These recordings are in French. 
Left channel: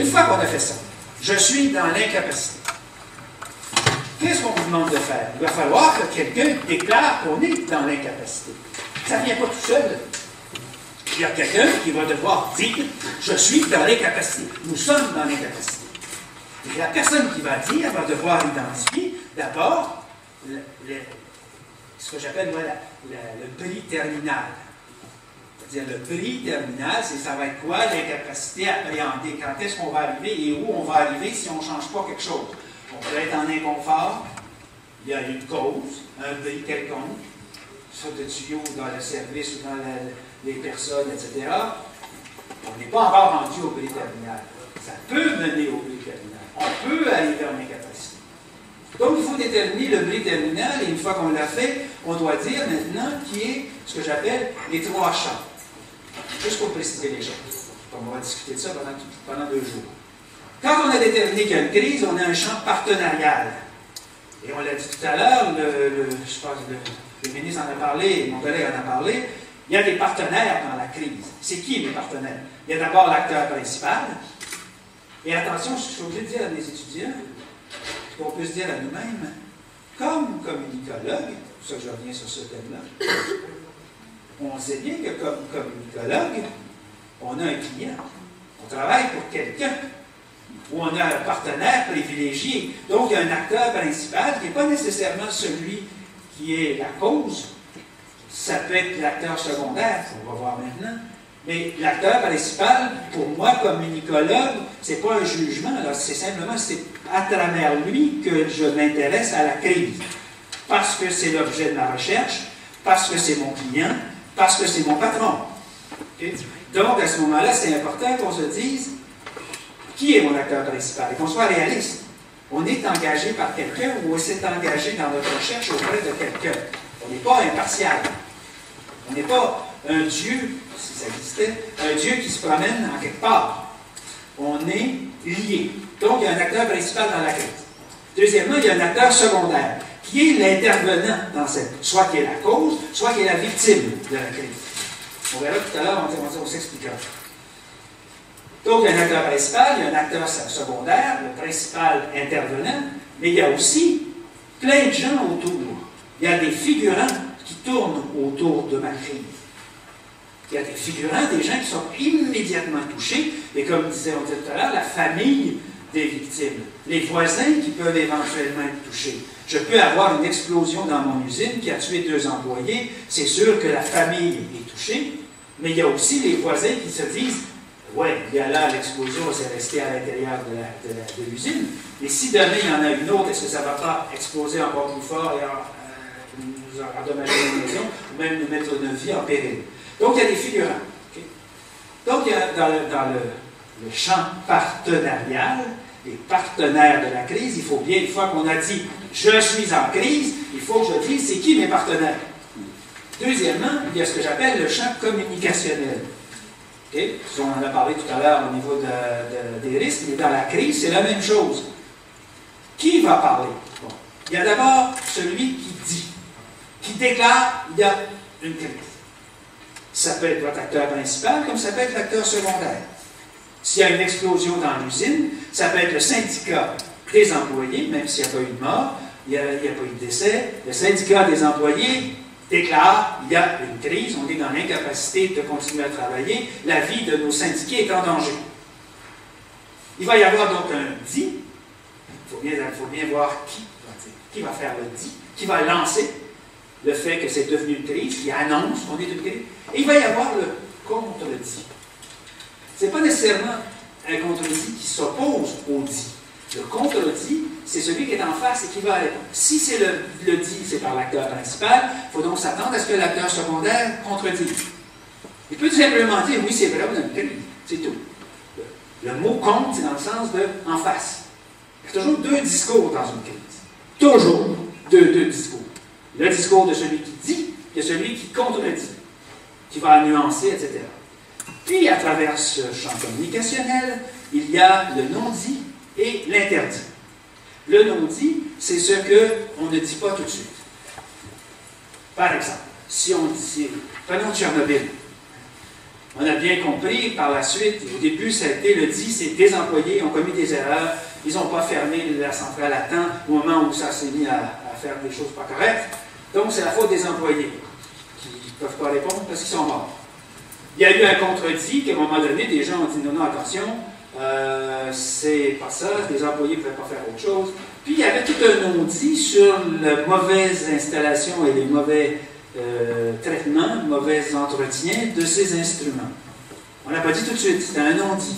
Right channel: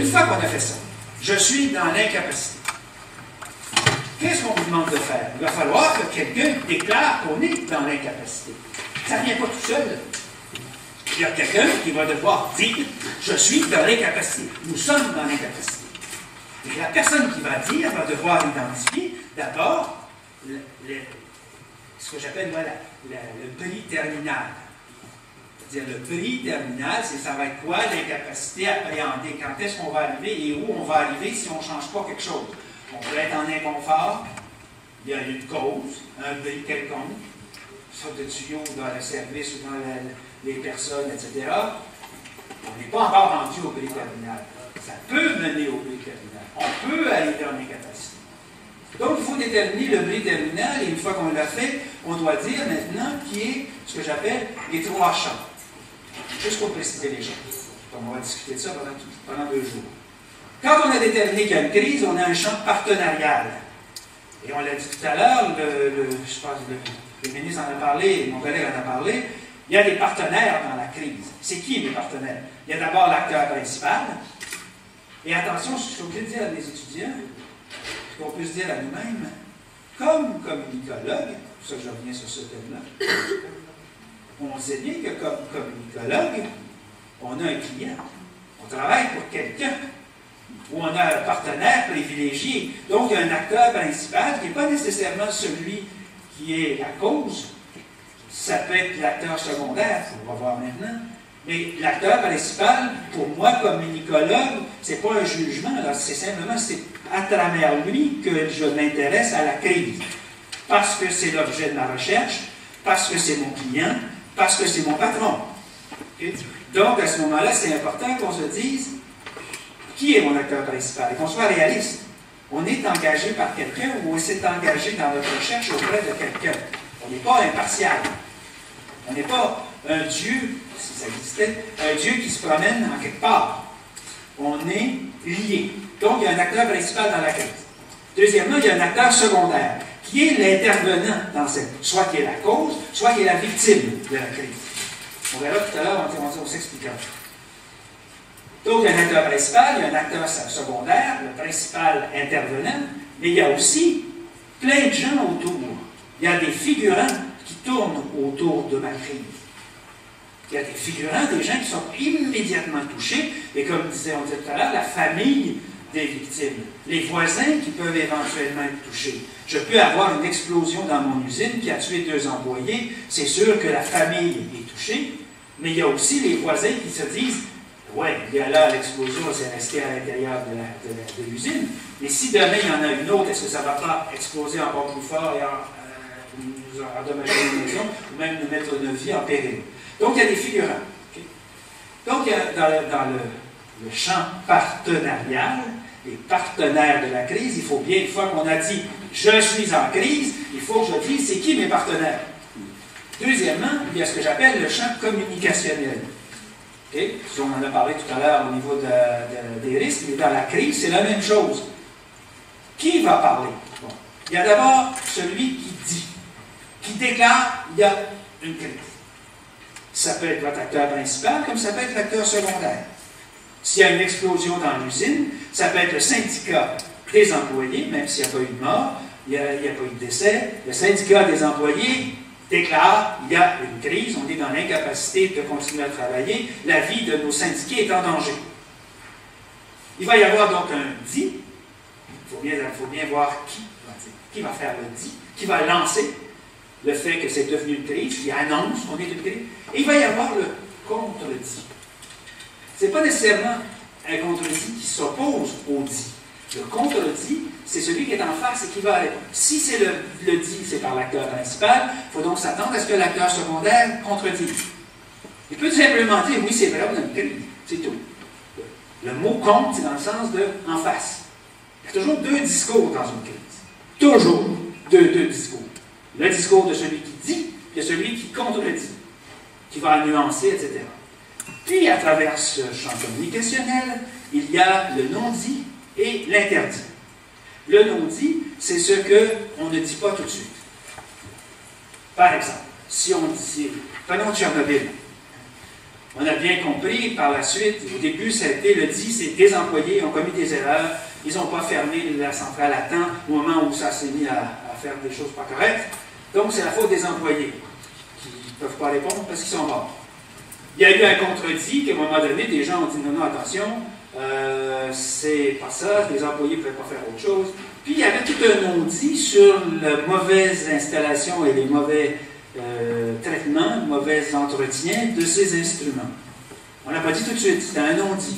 Une fois qu'on a fait ça, je suis dans l'incapacité. Qu'est-ce qu'on vous demande de faire? Il va falloir que quelqu'un déclare qu'on est dans l'incapacité. Ça ne vient pas tout seul. Il y a quelqu'un qui va devoir dire « Je suis dans l'incapacité. Nous sommes dans l'incapacité. » Et la personne qui va dire va devoir identifier d'abord ce que j'appelle moi, le prix terminal. C'est-à-dire le prix terminal, ça va être quoi l'incapacité à appréhender? Quand est-ce qu'on va arriver et où on va arriver si on ne change pas quelque chose? On peut être en inconfort, il y a une cause, un prix quelconque, soit de tuyaux dans le service ou dans les personnes, etc. On n'est pas encore rendu au prix terminal. Ça peut mener au prix terminal. On peut arriver en incapacité. Donc, il faut déterminer le prix terminal, et une fois qu'on l'a fait, on doit dire maintenant qui est ce que j'appelle les trois champs. Juste pour préciser les choses. On va discuter de ça pendant 2 jours. Quand on a déterminé qu'il y a une crise, on a un champ partenarial. Et on l'a dit tout à l'heure, je pense que le ministre en a parlé, mon collègue en a parlé, il y a des partenaires dans la crise. C'est qui les partenaires? Il y a d'abord l'acteur principal. Et attention, je suis obligé de dire à mes étudiants, qu'on peut se dire à nous-mêmes, comme communicologue, pour ça que je reviens sur ce thème-là, on sait bien que comme communicologue, on a un client, on travaille pour quelqu'un, ou on a un partenaire privilégié. Donc, il y a un acteur principal qui n'est pas nécessairement celui qui est la cause. Ça peut être l'acteur secondaire, on va voir maintenant. Mais l'acteur principal, pour moi, comme communicologue, c'est pas un jugement, c'est simplement, c'est à travers lui que je m'intéresse à la crise. Parce que c'est l'objet de ma recherche, parce que c'est mon client, parce que c'est mon patron. Okay? Donc, à ce moment-là, c'est important qu'on se dise qui est mon acteur principal et qu'on soit réaliste. On est engagé par quelqu'un ou on s'est engagé dans notre recherche auprès de quelqu'un. On n'est pas impartial. On n'est pas un Dieu, si ça existait, un Dieu qui se promène en quelque part. On est lié. Donc, il y a un acteur principal dans la crise. Deuxièmement, il y a un acteur secondaire, qui est l'intervenant dans cette, soit qui est la cause, soit qui est la victime de la crise. On verra tout à l'heure, on s'expliquera. Donc, il y a un acteur principal, il y a un acteur secondaire, le principal intervenant, mais il y a aussi plein de gens autour. Il y a des figurants qui tournent autour de ma crise. Il y a des figurants, des gens qui sont immédiatement touchés, et comme on disait tout à l'heure, la famille des victimes, les voisins qui peuvent éventuellement être touchés. Je peux avoir une explosion dans mon usine qui a tué 2 employés, c'est sûr que la famille est touchée, mais il y a aussi les voisins qui se disent « Ouais, bien là, l'explosion s'est restée à l'intérieur de l'usine, mais si demain il y en a une autre, est-ce que ça ne va pas exploser encore plus fort et nous endommager une maison, ou même nous mettre notre vie en péril? » Donc, il y a des figurants. Okay? Donc, il y a dans le champ partenarial, les partenaires de la crise, il faut bien, une fois qu'on a dit « je suis en crise », il faut que je dise « c'est qui mes partenaires ». Deuxièmement, il y a ce que j'appelle le champ communicationnel. Okay? On en a parlé tout à l'heure au niveau des risques, mais dans la crise, c'est la même chose. Qui va parler? Bon. Il y a d'abord celui qui dit, qui déclare « il y a une crise ». Ça peut être votre acteur principal, comme ça peut être l'acteur secondaire. S'il y a une explosion dans l'usine, ça peut être le syndicat des employés, même s'il n'y a pas eu de mort, il n'y a pas eu de décès. Le syndicat des employés déclare il y a une crise, on est dans l'incapacité de continuer à travailler, la vie de nos syndiqués est en danger. Il va y avoir donc un dit, il faut bien voir qui va faire le dit, qui va lancer le fait que c'est devenu une crise, qui annonce qu'on est une crise, et il va y avoir le contre-dit. Ce n'est pas nécessairement un contre-dit qui s'oppose au dit. Le contre-dit, c'est celui qui est en face et qui va répondre. Si c'est le dit, c'est par l'acteur principal, il faut donc s'attendre à ce que l'acteur secondaire contredise. Il peut tout simplement dire, oui, c'est vrai, on a une crise, c'est tout. Le mot contre, c'est dans le sens de en face. Il y a toujours 2 discours dans une crise. Toujours 2 discours. Le discours de celui qui dit, et celui qui contredit, qui va nuancer, etc. Puis, à travers ce champ communicationnel, il y a le non-dit et l'interdit. Le non-dit, c'est ce qu'on ne dit pas tout de suite. Par exemple, si on dit, prenons Tchernobyl. On a bien compris par la suite, au début, ça a été le dit, c'est des employés ont commis des erreurs, ils n'ont pas fermé la centrale à temps au moment où ça s'est mis à faire des choses pas correctes. Donc, c'est la faute des employés qui ne peuvent pas répondre parce qu'ils sont morts. Il y a eu un contredit qu'à un moment donné, des gens ont dit non, non, attention, c'est pas ça, les employés ne pouvaient pas faire autre chose. Puis, il y avait tout un non-dit sur la mauvaise installation et les mauvais traitements, mauvais entretiens de ces instruments. On n'a pas dit tout de suite, c'était un non-dit.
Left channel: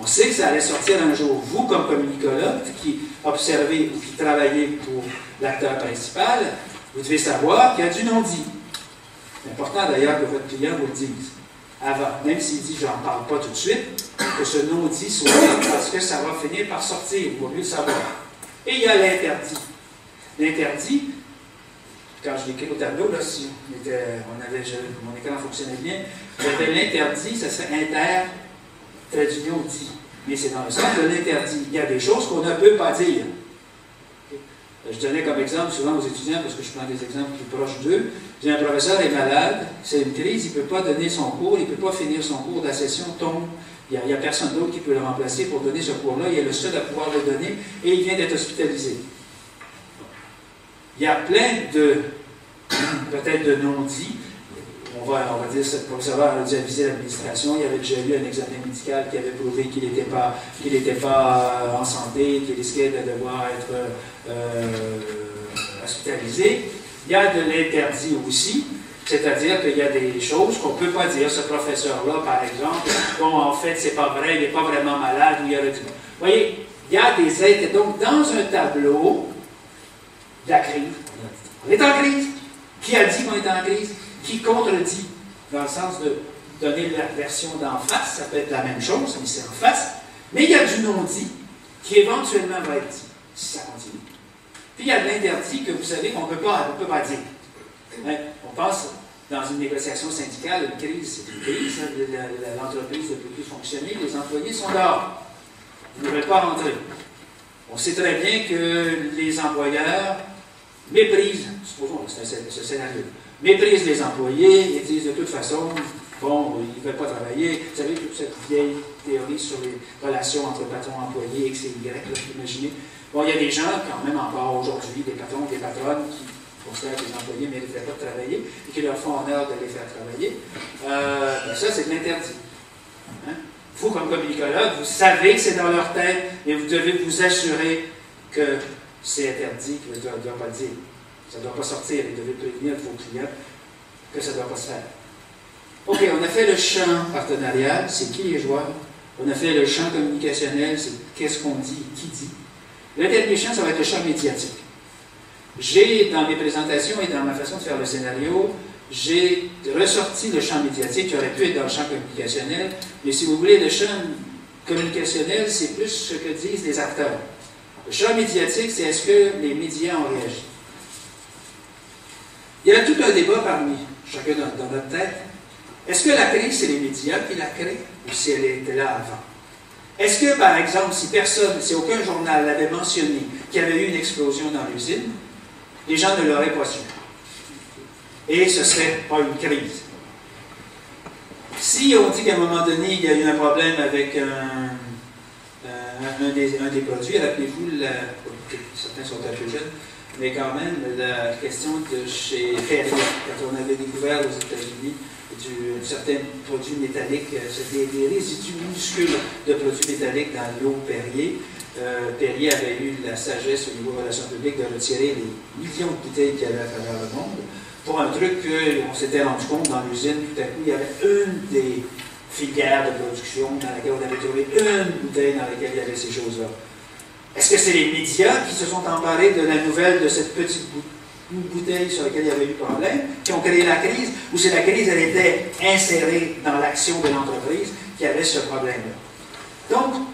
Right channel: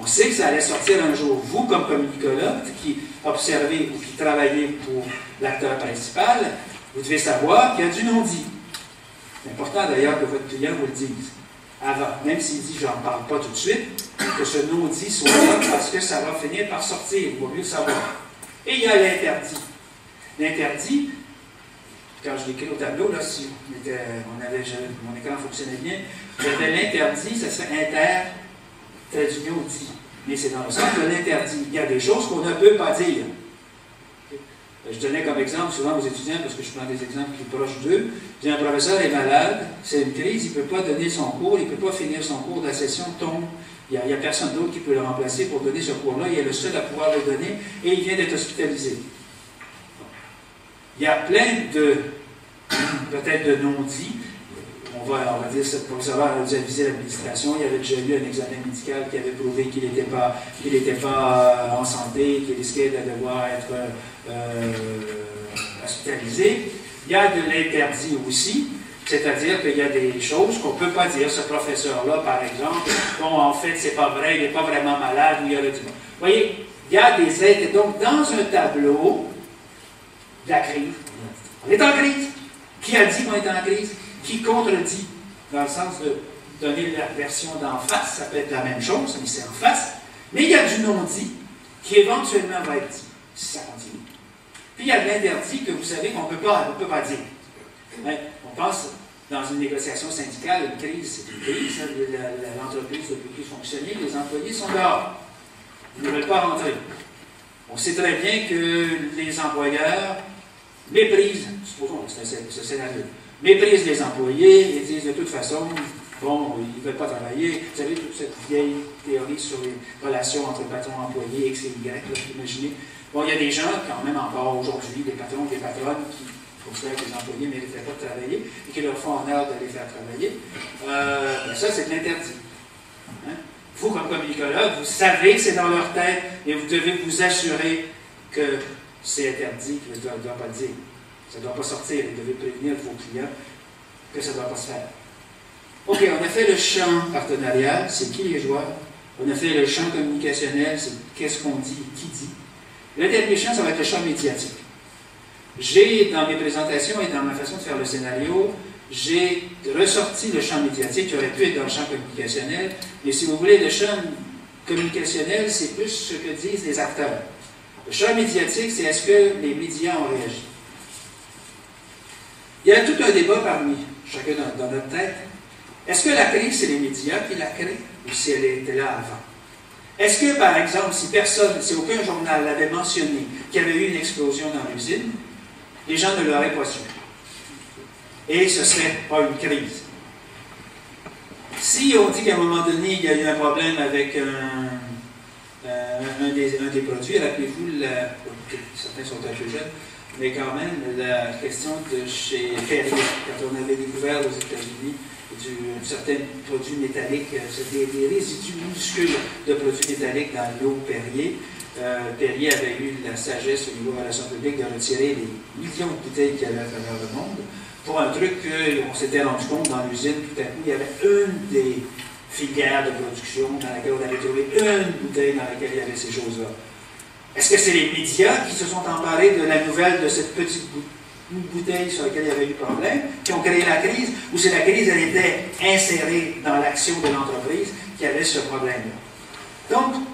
On sait que ça allait sortir un jour. Vous, comme communicologue, qui observez ou qui travaillez pour l'acteur principal, vous devez savoir qu'il y a du non-dit. C'est important d'ailleurs que votre client vous le dise avant, même s'il dit « j'en parle pas tout de suite », que ce non-dit soit là parce que ça va finir par sortir, il vaut mieux le savoir. Et il y a l'interdit. L'interdit, quand je l'écris au tableau, là, si mon écran fonctionnait bien, j'avais l'interdit, ça serait inter, trait d'union dit. Mais c'est dans le sens de l'interdit. Il y a des choses qu'on ne peut pas dire. Je donnais comme exemple souvent aux étudiants, parce que je prends des exemples plus proches d'eux, un professeur est malade, c'est une crise, il ne peut pas donner son cours, il ne peut pas finir son cours, la session tombe. Il n'y a personne d'autre qui peut le remplacer pour donner ce cours-là, il est le seul à pouvoir le donner, et il vient d'être hospitalisé. Il y a plein de, peut-être de non-dits. On va dire que ce professeur a déjà visé l'administration, il avait déjà eu un examen médical qui avait prouvé qu'il n'était pas en santé, qu'il risquait de devoir être hospitalisé. Il y a de l'interdit aussi, c'est-à-dire qu'il y a des choses qu'on ne peut pas dire. Ce professeur-là, par exemple, bon, en fait, c'est pas vrai, il n'est pas vraiment malade, ou il y a le... Vous voyez, il y a des aides. Donc, dans un tableau de la crise, on est en crise. Qui a dit qu'on est en crise? Qui contredit? Dans le sens de donner la version d'en face, ça peut être la même chose, mais c'est en face. Mais il y a du non-dit qui éventuellement va être dit, si ça continue. Puis il y a de l'interdit que vous savez qu'on ne peut pas dire. Mais on pense, dans une négociation syndicale, une crise, c'est une crise, l'entreprise ne peut plus fonctionner, les employés sont dehors. Ils ne devraient pas rentrer. On sait très bien que les employeurs méprisent, supposons que c'est ce scénario, méprisent les employés et disent de toute façon, bon, ils ne veulent pas travailler. Vous savez, toute cette vieille théorie sur les relations entre patrons et employés, X et Y, vous imaginez. Bon, il y a des gens, quand même encore aujourd'hui, des patrons et des patronnes qui considèrent que les employés ne mériteraient pas de travailler et qui leur font honneur de les faire travailler. Ben ça, c'est de l'interdit. Hein? Vous, comme communicologue, vous savez que c'est dans leur tête, mais vous devez vous assurer que c'est interdit, que ça ne doit pas le dire. Ça ne doit pas sortir. Vous devez prévenir vos clients que ça ne doit pas se faire. OK, on a fait le champ partenarial, c'est qui les joueurs. On a fait le champ communicationnel, c'est qu'est-ce qu'on dit, qui dit. Le dernier champ, ça va être le champ médiatique. J'ai, dans mes présentations et dans ma façon de faire le scénario, j'ai ressorti le champ médiatique qui aurait pu être dans le champ communicationnel, mais si vous voulez, le champ communicationnel, c'est plus ce que disent les acteurs. Le champ médiatique, c'est est-ce que les médias ont réagi. Il y a tout un débat parmi chacun dans notre tête. Est-ce que la crise, c'est les médias qui la créent ou si elle était là avant? Est-ce que, par exemple, si aucun journal l'avait mentionné qu'il y avait eu une explosion dans l'usine, les gens ne l'auraient pas su. Et ce ne serait pas une crise. Si on dit qu'à un moment donné, il y a eu un problème avec un des produits, rappelez-vous, certains sont un peu jeunes, mais quand même, la question de chez Perrier, quand on avait découvert aux États-Unis certains produits métalliques, des résidus minuscules de produits métalliques dans l'eau Perrier. Perrier avait eu la sagesse au niveau de relations publiques de retirer les millions de bouteilles qu'il y avait à travers le monde pour un truc qu'on s'était rendu compte dans l'usine. Tout à coup, il y avait une des filières de production dans laquelle on avait trouvé une bouteille dans laquelle il y avait ces choses-là. Est-ce que c'est les médias qui se sont emparés de la nouvelle de cette petite bouteille sur laquelle il y avait eu problème, qui ont créé la crise, ou si la crise, elle était insérée dans l'action de l'entreprise qui avait ce problème-là? Donc,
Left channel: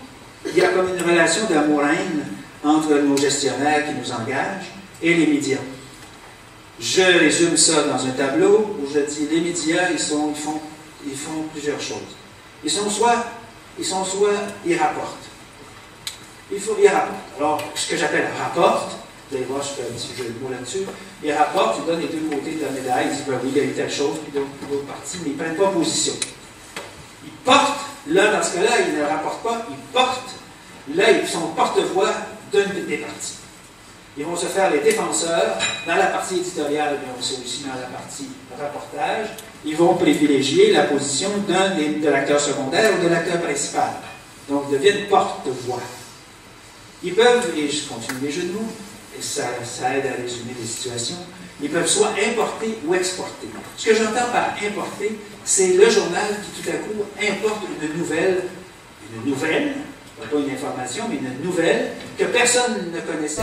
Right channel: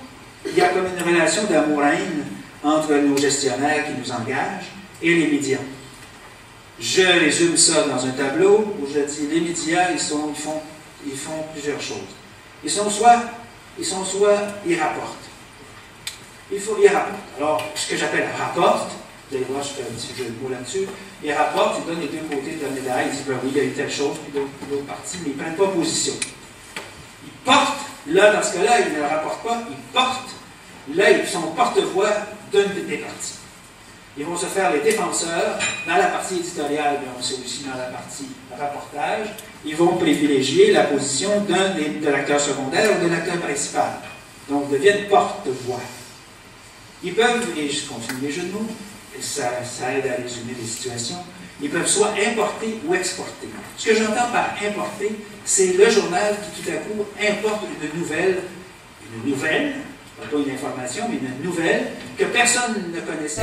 il y a comme une relation d'amour-haine entre nos gestionnaires qui nous engagent et les médias. Je résume ça dans un tableau où je dis les médias, ils font plusieurs choses. Ils rapportent. Ils rapportent. Alors, ce que j'appelle rapporte, vous allez voir, je fais un petit jeu de mots là-dessus, ils rapportent, ils donnent les deux côtés de la médaille, ils disent, ben oui, il y a eu telle chose, puis l'autre partie, mais ils ne prennent pas position. portent, là, dans ce cas-là, ils ne le rapportent pas, ils portent, là, ils sont porte-voix d'une des parties. Ils vont se faire les défenseurs. Dans la partie éditoriale, mais c'est aussi dans la partie rapportage, ils vont privilégier la position de l'acteur secondaire ou de l'acteur principal. Donc, ils deviennent porte-voix. Ils peuvent, et je continue les jeux de mots, ça aide à résumer les situations, ils peuvent soit importer ou exporter. Ce que j'entends par importer, c'est le journal qui tout à coup importe une nouvelle, pas une information, mais une nouvelle que personne ne connaissait.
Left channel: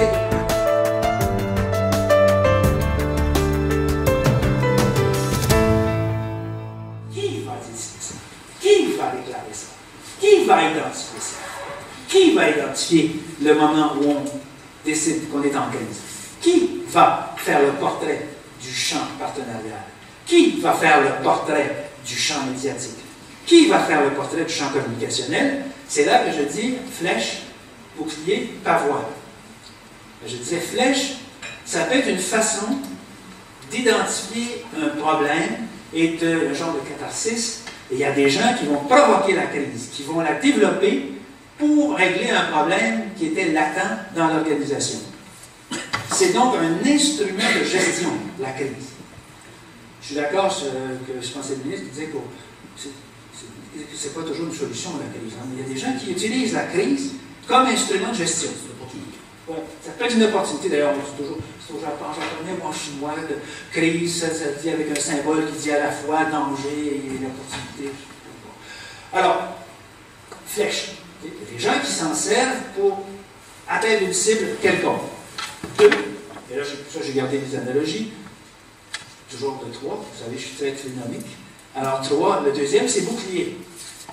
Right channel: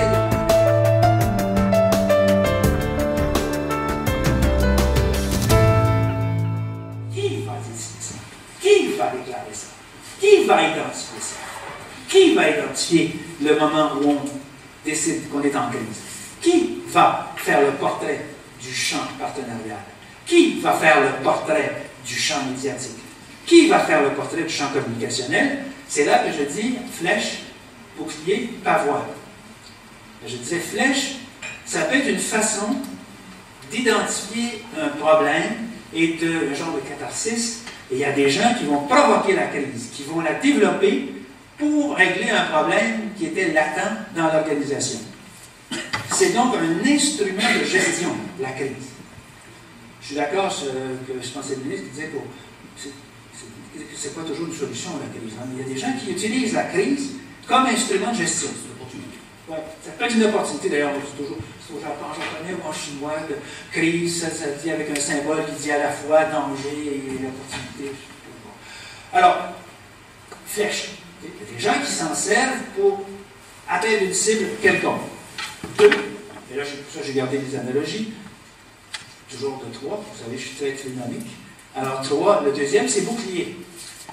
Qui va décider ça? Qui va déclarer ça? Qui va identifier ça? Qui va identifier le moment où on décide qu'on est en crise? Qui va faire le portrait du champ partenarial? Qui va faire le portrait du champ médiatique? Qui va faire le portrait du champ communicationnel? C'est là que je dis flèche, bouclier, pavois. Je disais flèche, ça peut être une façon d'identifier un problème et un genre de catharsis. Et il y a des gens qui vont provoquer la crise, qui vont la développer pour régler un problème qui était latent dans l'organisation. C'est donc un instrument de gestion, la crise. Je suis d'accord que je pensais le ministre qui disait que c'est pas toujours une solution, la crise. Hein, mais il y a des gens qui utilisent la crise comme instrument de gestion. C'est une opportunité. Ouais, ça peut être une opportunité, d'ailleurs, c'est au japonais ou en chinois, que crise, ça dit avec un symbole qui dit à la fois danger et l'opportunité. Alors, flèche. Il y a des gens qui s'en servent pour atteindre une cible quelconque. Deux, et là, pour ça, j'ai gardé des analogies, toujours de trois, vous savez, je suis très trinomique. Alors, trois, le deuxième, c'est bouclier.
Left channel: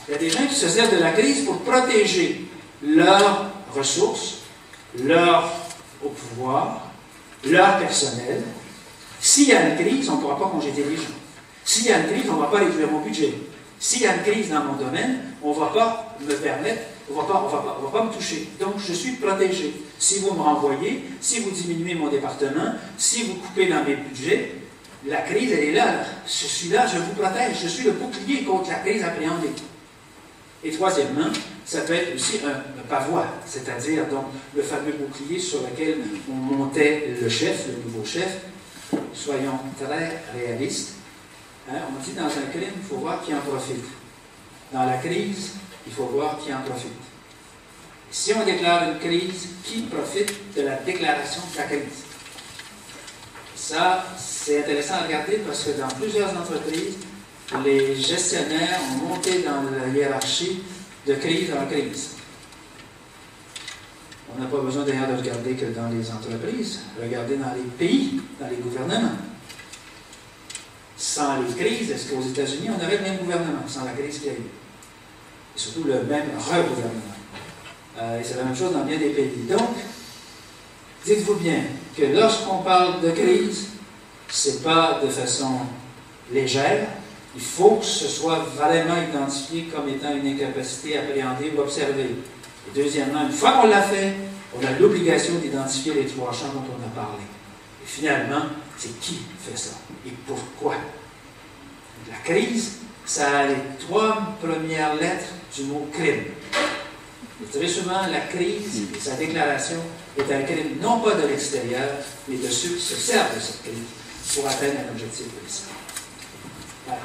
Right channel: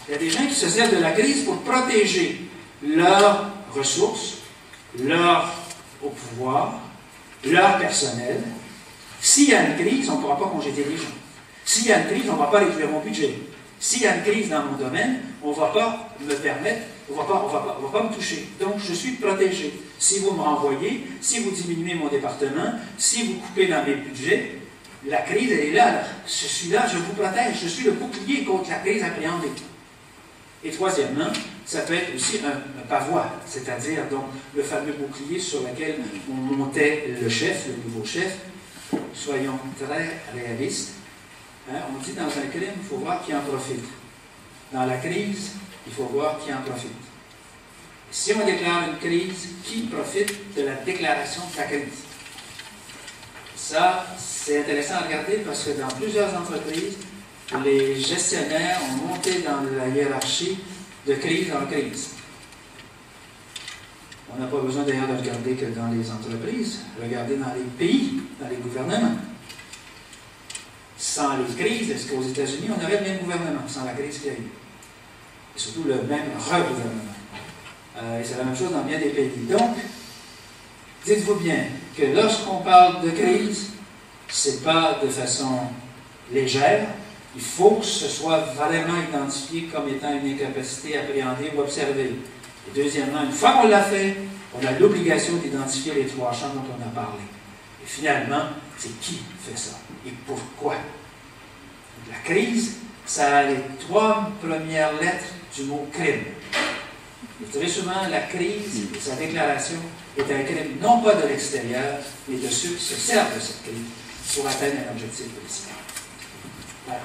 Il y a des gens qui se servent de la crise pour protéger leurs ressources, leur au pouvoir, leur personnel. S'il y a une crise, on ne pourra pas congédier les gens. S'il y a une crise, on ne va pas réduire mon budget. S'il y a une crise dans mon domaine, on ne va pas me permettre, on va pas me toucher. Donc, je suis protégé. Si vous me renvoyez, si vous diminuez mon département, si vous coupez dans mes budgets, la crise, elle est là. Je suis là, je vous protège. Je suis le bouclier contre la crise appréhendée. Et troisièmement, ça peut être aussi un pavois, c'est-à-dire donc le fameux bouclier sur lequel on montait le chef, le nouveau chef. Soyons très réalistes. Hein, on dit dans un crime, il faut voir qui en profite. Dans la crise, il faut voir qui en profite. Si on déclare une crise, qui profite de la déclaration de la crise? Ça, c'est intéressant à regarder parce que dans plusieurs entreprises, les gestionnaires ont monté dans la hiérarchie de crise en crise. On n'a pas besoin d'ailleurs de regarder que dans les entreprises, regarder dans les pays, dans les gouvernements. Sans les crises, est-ce qu'aux États-Unis, on aurait le même gouvernement, sans la crise qu'il y a eu? Et surtout le même re-gouvernement. Et c'est la même chose dans bien des pays. Donc, dites-vous bien que lorsqu'on parle de crise, ce n'est pas de façon légère. Il faut que ce soit vraiment identifié comme étant une incapacité appréhendée ou observée. Et deuxièmement, une fois qu'on l'a fait, on a l'obligation d'identifier les trois champs dont on a parlé. Et finalement, c'est qui fait ça et pourquoi. La crise, ça a les trois premières lettres du mot crime. Et très souvent, la crise et sa déclaration est un crime non pas de l'extérieur, mais de ceux qui se servent de cette crise pour atteindre un objectif politique. Voilà.